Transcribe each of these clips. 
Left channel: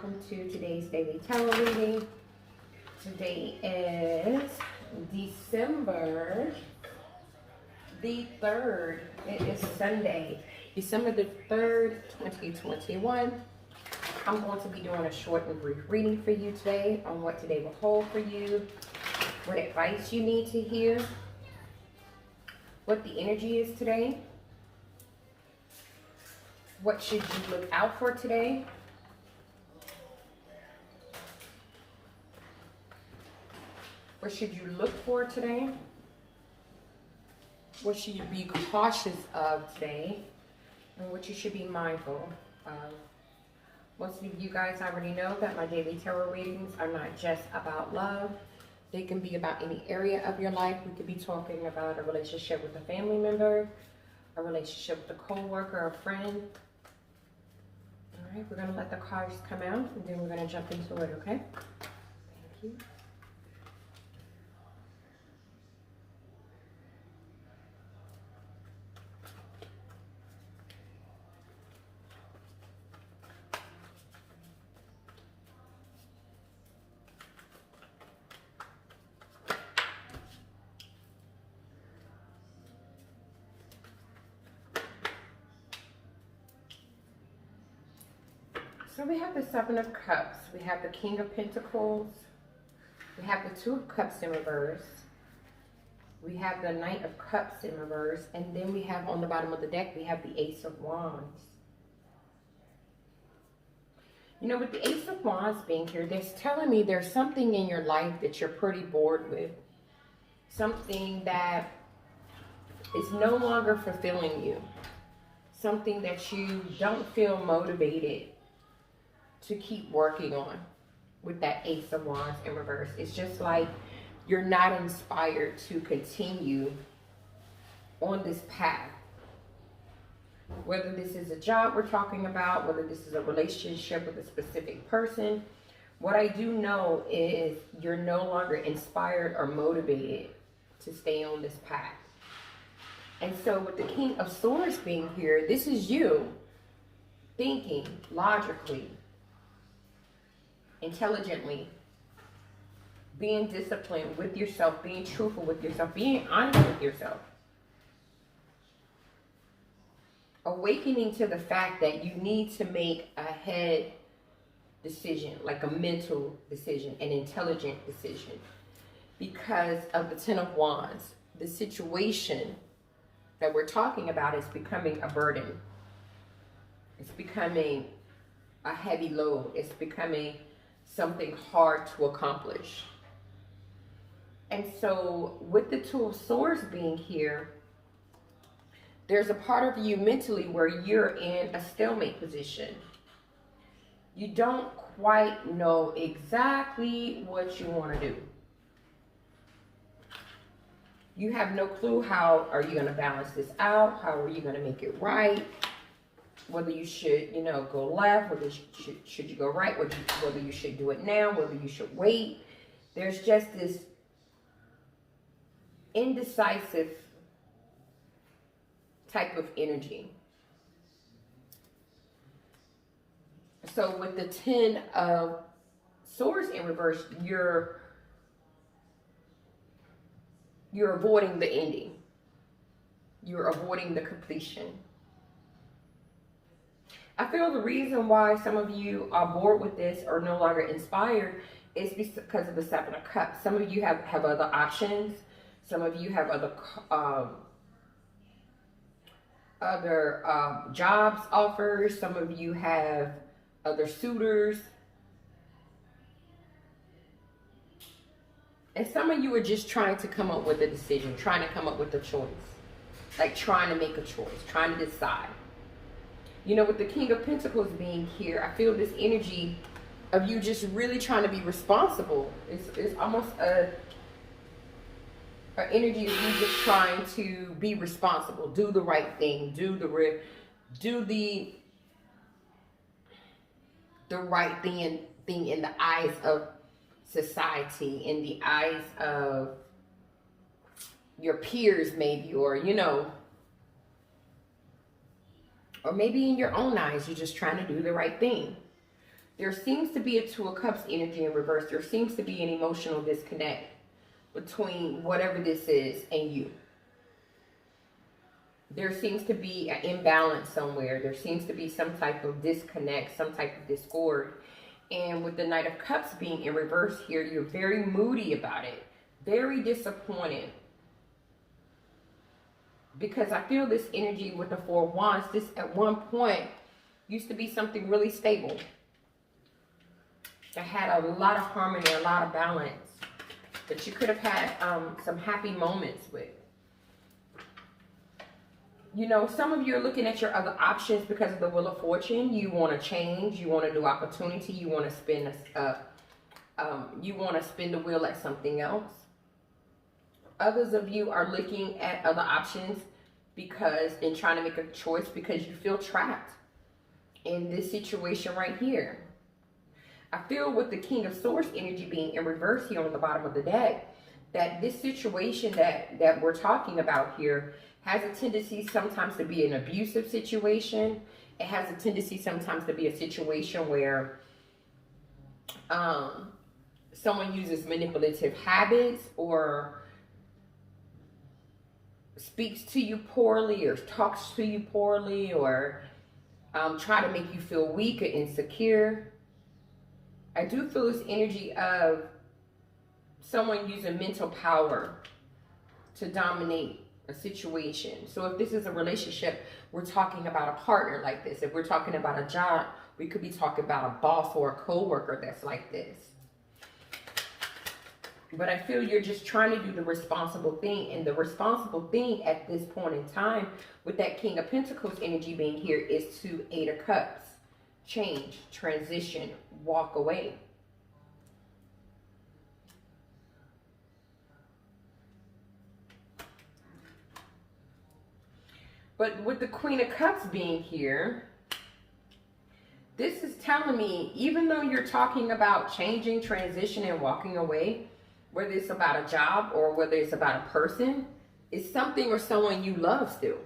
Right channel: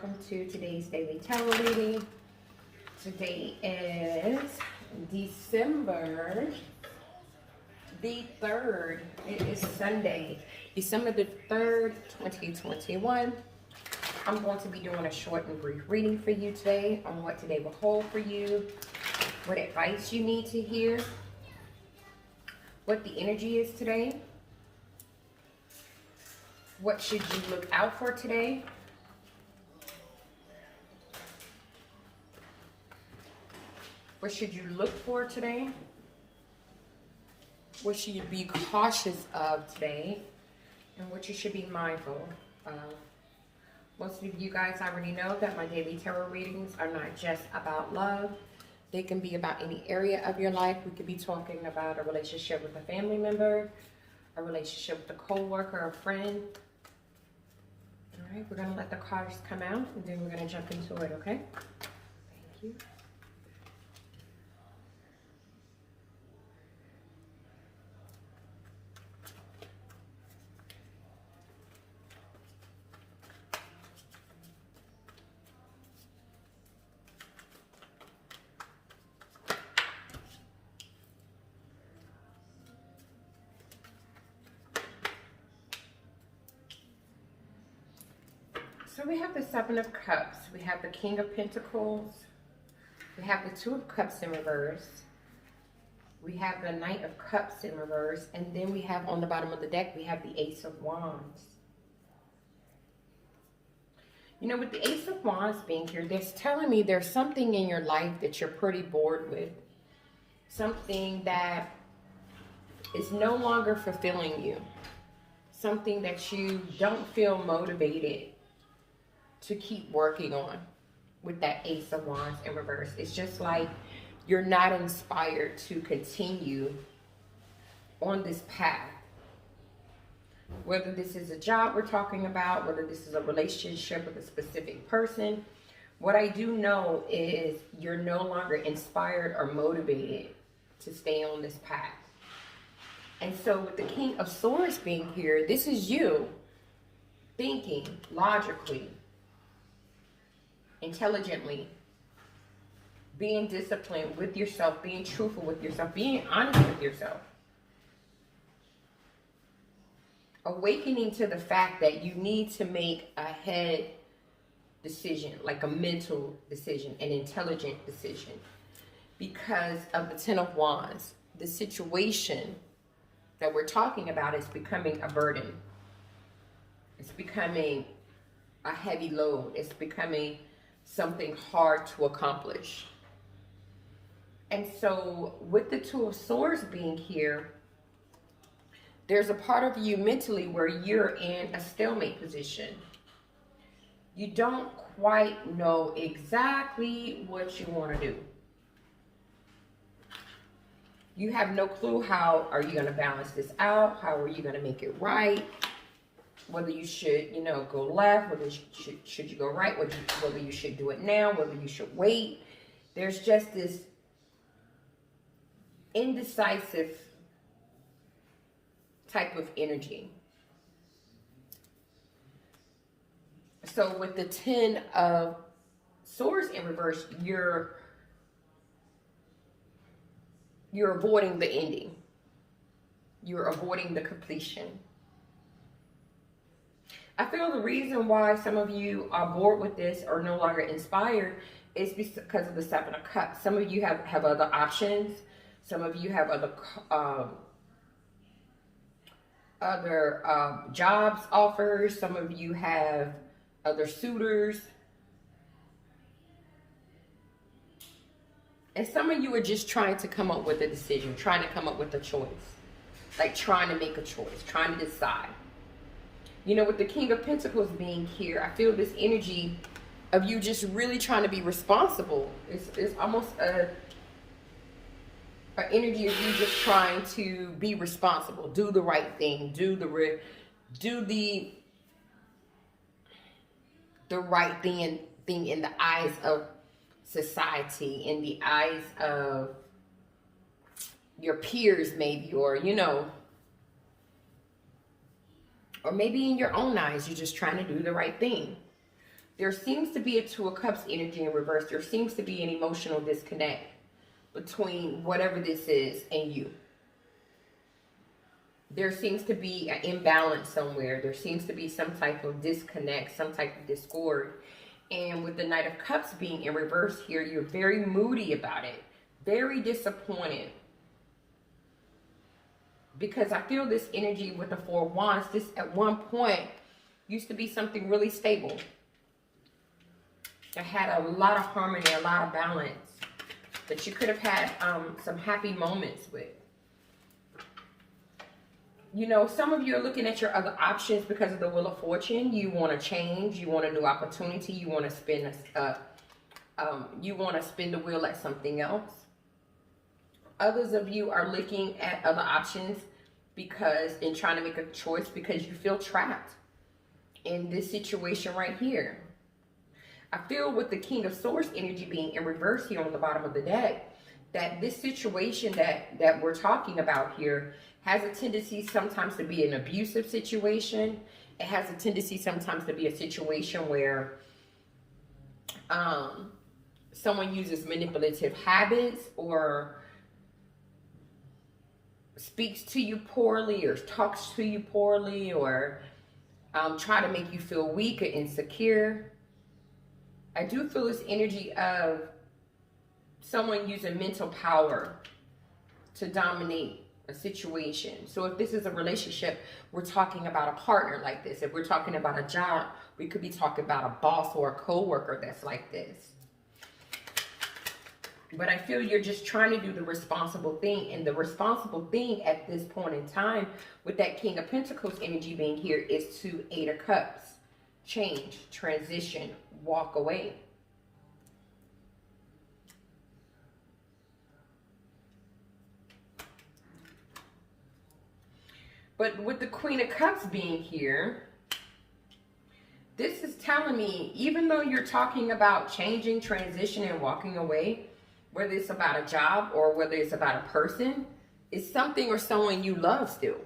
welcome to today's daily tarot reading. Today is December the 3rd. It is Sunday, December the 3rd, 2021. I'm going to be doing a short and brief reading for you today on what today will hold for you, what advice you need to hear, what the energy is today, what should you look out for today, what should you look for today, what should you be cautious of today, and what you should be mindful of. Most of you guys already know that my daily tarot readings are not just about love. They can be about any area of your life. We could be talking about a relationship with a family member, a relationship with a co-worker, a friend. All right, we're going to let the cards come out, and then we're going to jump into it, okay? Thank you. So we have the Seven of Cups, we have the King of Pentacles, we have the Two of Cups in reverse, we have the Knight of Cups in reverse, and then we have on the bottom of the deck, we have the Ace of Wands. You know, with the Ace of Wands being here, that's telling me there's something in your life that you're pretty bored with. Something that is no longer fulfilling you. Something that you don't feel motivated to keep working on with that Ace of Wands in reverse. It's just like you're not inspired to continue on this path. Whether this is a job we're talking about, whether this is a relationship with a specific person, what I do know is you're no longer inspired or motivated to stay on this path. And so with the King of Swords being here, this is you thinking logically, intelligently, being disciplined with yourself, being truthful with yourself, being honest with yourself. Awakening to the fact that you need to make a head decision, like a mental decision, an intelligent decision. Because of the Ten of Wands, the situation that we're talking about is becoming a burden. It's becoming a heavy load. It's becoming something hard to accomplish. And so with the Two of Swords being here, there's a part of you mentally where you're in a stalemate position. You don't quite know exactly what you want to do. You have no clue how are you going to balance this out? How are you going to make it right? Whether you should, go left, whether should you go right, whether you should do it now, whether you should wait. There's just this indecisive type of energy. So with the Ten of Swords in reverse, you're avoiding the ending. You're avoiding the completion. I feel the reason why some of you are bored with this or no longer inspired is because of the Seven of Cups. Some of you have other options. Some of you have other jobs offers. Some of you have other suitors. And some of you are just trying to come up with a decision, trying to come up with a choice. Like trying to make a choice, trying to decide. With the King of Pentacles being here, I feel this energy of you just really trying to be responsible. It's almost an energy of you just trying to be responsible, do the right thing, do the right thing in the eyes of society, in the eyes of your peers maybe, or or maybe in your own eyes, you're just trying to do the right thing. There seems to be a Two of Cups energy in reverse. There seems to be an emotional disconnect between whatever this is and you. There seems to be an imbalance somewhere. There seems to be some type of disconnect, some type of discord. And with the Knight of Cups being in reverse here, you're very moody about it. Very disappointed. Because I feel this energy with the Four of Wands, this at one point used to be something really stable. That had a lot of harmony, a lot of balance. That you could have had some happy moments with. You know, some of you are looking at your other options because of the Wheel of Fortune. You want to change. You want a new opportunity. You want to spin the wheel at something else. Others of you are looking at other options and trying to make a choice because you feel trapped in this situation right here. I feel with the King of Swords energy being in reverse here on the bottom of the deck, that this situation that we're talking about here has a tendency sometimes to be an abusive situation. It has a tendency sometimes to be a situation where someone uses manipulative habits or speaks to you poorly or talks to you poorly or try to make you feel weak or insecure. I do feel this energy of someone using mental power to dominate a situation. So if this is a relationship, we're talking about a partner like this. If we're talking about a job, we could be talking about a boss or a co-worker that's like this. But I feel you're just trying to do the responsible thing. And the responsible thing at this point in time with that King of Pentacles energy being here is to Eight of Cups. Change, transition, walk away. But with the Queen of Cups being here, this is telling me, even though you're talking about changing, transition, and walking away, whether it's about a job or whether it's about a person, it's something or someone you love still.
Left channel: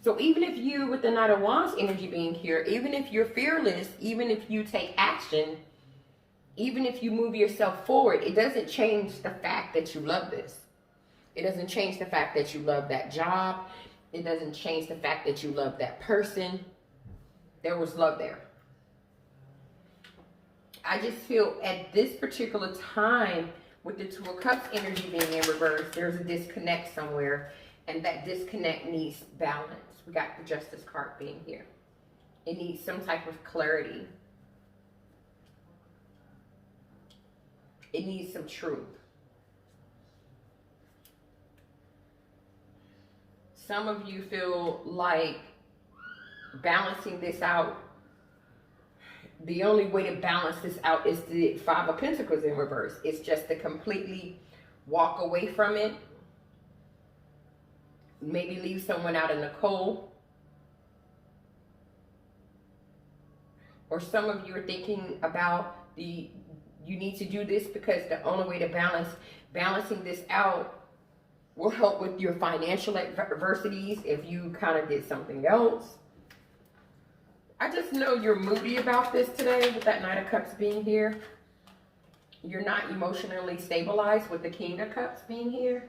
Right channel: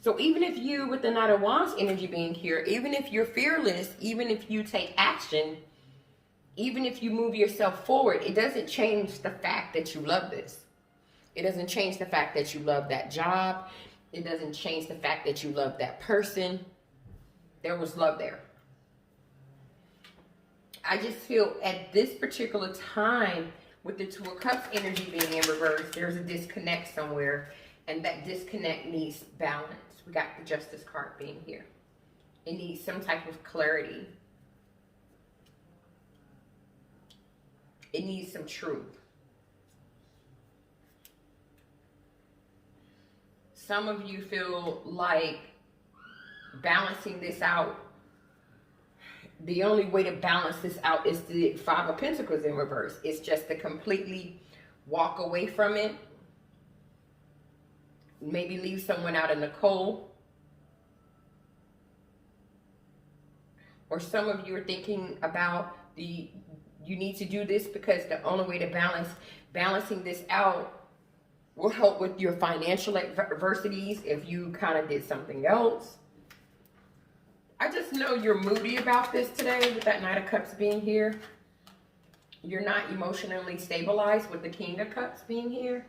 So even if you, with the Knight of Wands energy being here, even if you're fearless, even if you take action, even if you move yourself forward, it doesn't change the fact that you love this. It doesn't change the fact that you love that job. It doesn't change the fact that you love that person. There was love there. I just feel at this particular time, with the Two of Cups energy being in reverse, there's a disconnect somewhere, and that disconnect needs balance. We got the Justice card being here. It needs some type of clarity. It needs some truth. Some of you feel like balancing this out, the only way to balance this out is the Five of Pentacles in reverse. It's just to completely walk away from it. Maybe leave someone out in the cold. Or some of you are thinking about you need to do this because the only way to balancing this out will help with your financial adversities if you kind of did something else. I just know you're moody about this today with that Knight of Cups being here. You're not emotionally stabilized with the King of Cups being here.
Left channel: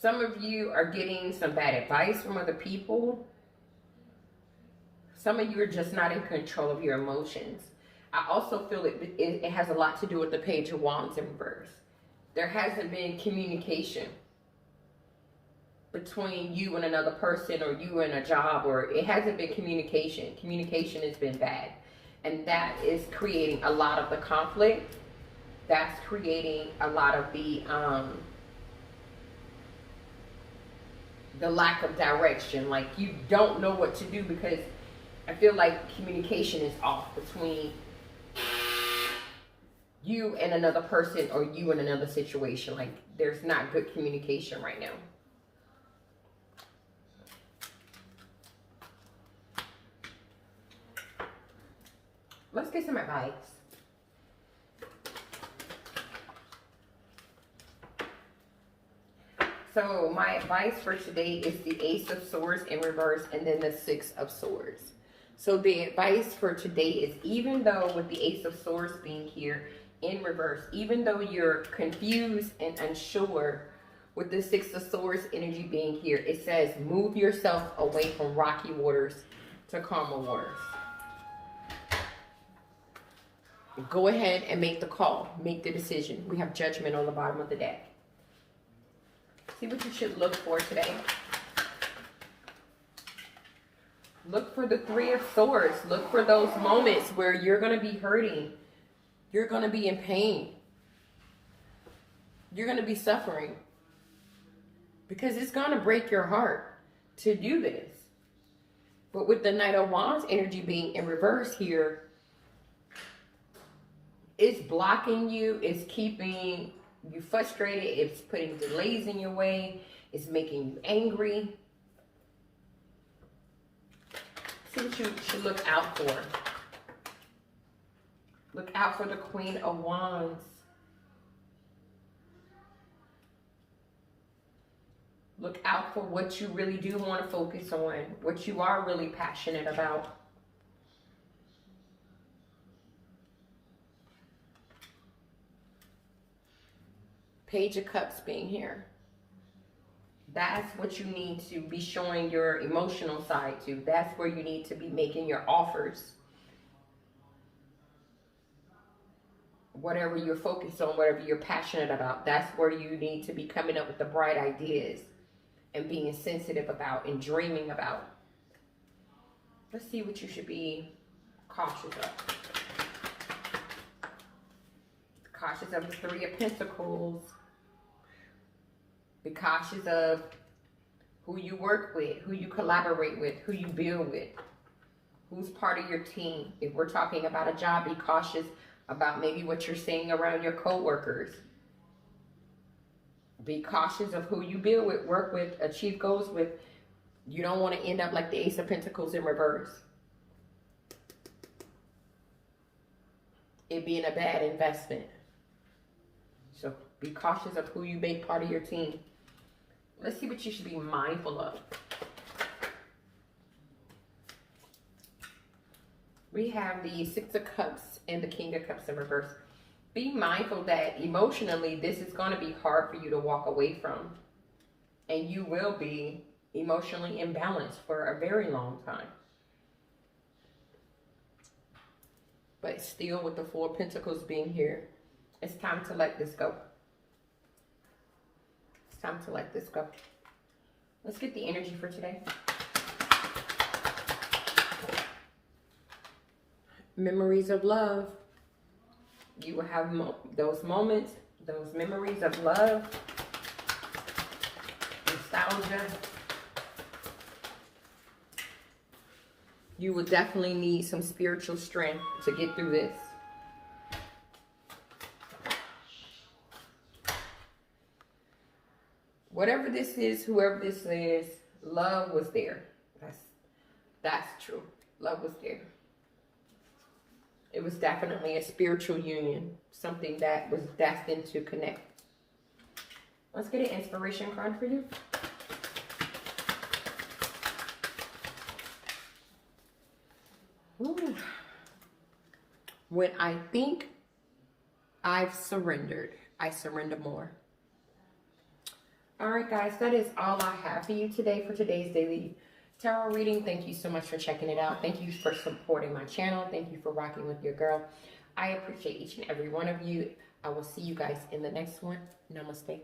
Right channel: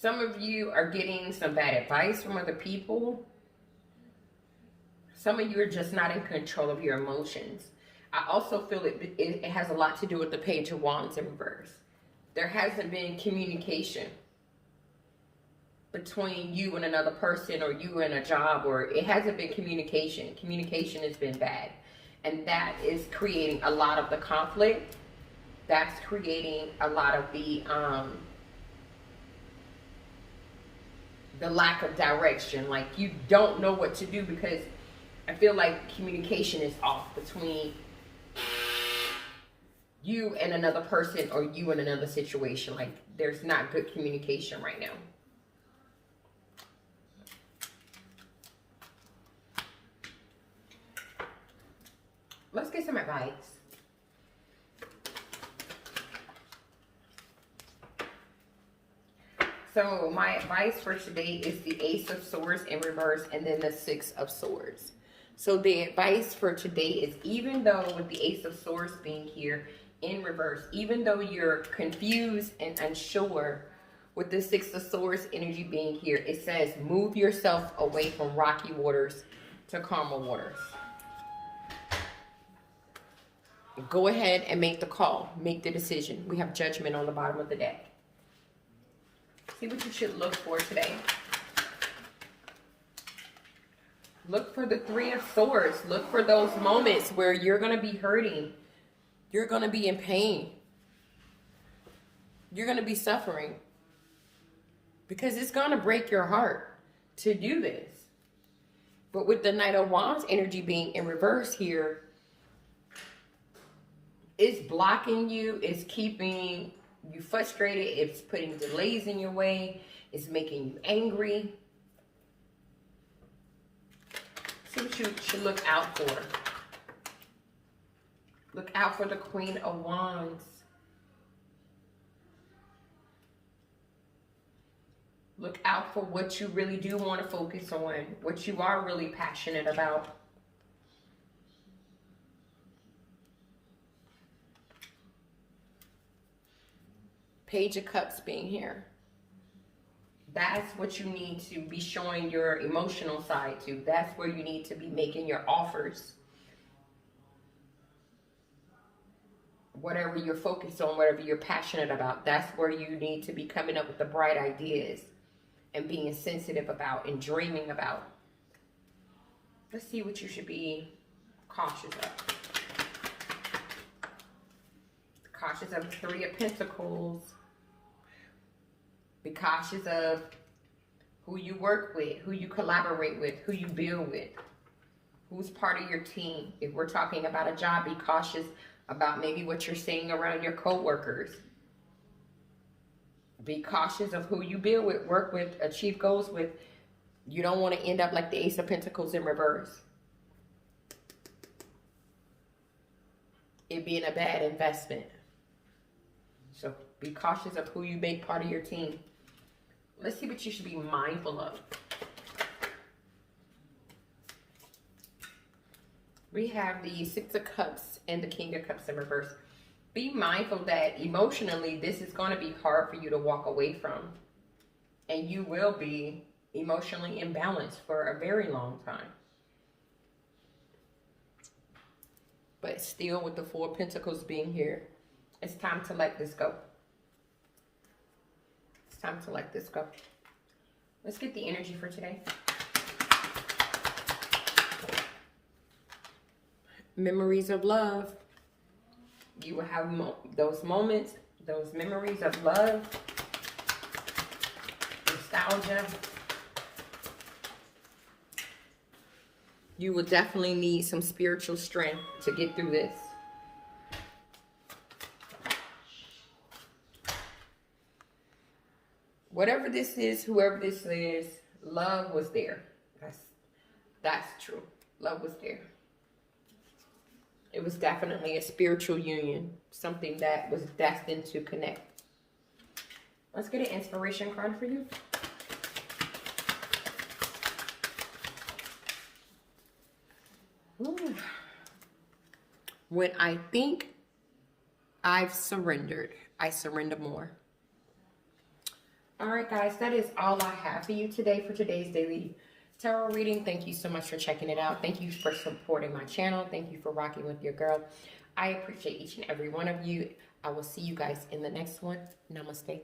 Some of you are getting some bad advice from other people. Some of you are just not in control of your emotions. I also feel it has a lot to do with the Page of Wands in reverse. There hasn't been communication between you and another person, or you and a job, or it hasn't been communication. Communication has been bad. And that is creating a lot of the conflict. That's creating a lot of the lack of direction. Like you don't know what to do because I feel like communication is off between you and another person or you and another situation. Like there's not good communication right now. Let's get some advice. So my advice for today is the Ace of Swords in reverse and then the Six of Swords. So the advice for today is, even though with the Ace of Swords being here in reverse, even though you're confused and unsure, with the Six of Swords energy being here, it says move yourself away from rocky waters to calmer waters. Go ahead and make the call. Make the decision. We have Judgment on the bottom of the deck. See what you should look for today. Look for the Three of Swords. Look for those moments where you're going to be hurting. You're going to be in pain. You're going to be suffering. Because it's going to break your heart to do this. But with the Knight of Wands energy being in reverse here, it's blocking you. It's keeping you frustrated. It's putting delays in your way. It's making you angry. See what you should look out for. Look out for the Queen of Wands. Look out for what you really do want to focus on, what you are really passionate about. Page of Cups being here. That's what you need to be showing your emotional side to. That's where you need to be making your offers. Whatever you're focused on, whatever you're passionate about, that's where you need to be coming up with the bright ideas and being sensitive about and dreaming about. Let's see what you should be cautious of. Cautious of the Three of Pentacles. Be cautious of who you work with, who you collaborate with, who you build with, who's part of your team. If we're talking about a job, be cautious about maybe what you're seeing around your co-workers. Be cautious of who you build with, work with, achieve goals with. You don't want to end up like the Ace of Pentacles in reverse. It being a bad investment. So be cautious of who you make part of your team. Let's see what you should be mindful of. We have the Six of Cups and the King of Cups in reverse. Be mindful that emotionally this is going to be hard for you to walk away from. And you will be emotionally imbalanced for a very long time. But still, with the Four of Pentacles being here, it's time to let this go. It's time to let this go. Let's get the energy for today. Memories of love. You will have those moments, those memories of love, nostalgia. You will definitely need some spiritual strength to get through this. Whatever this is, whoever this is, love was there. That's true. Love was there. It was definitely a spiritual union, something that was destined to connect. Let's get an inspiration card for you. Ooh. When I think I've surrendered, I surrender more. All right, guys, that is all I have for you today for today's daily tarot reading. Thank you so much for checking it out. Thank you for supporting my channel. Thank you for rocking with your girl. I appreciate each and every one of you. I will see you guys in the next one. Namaste.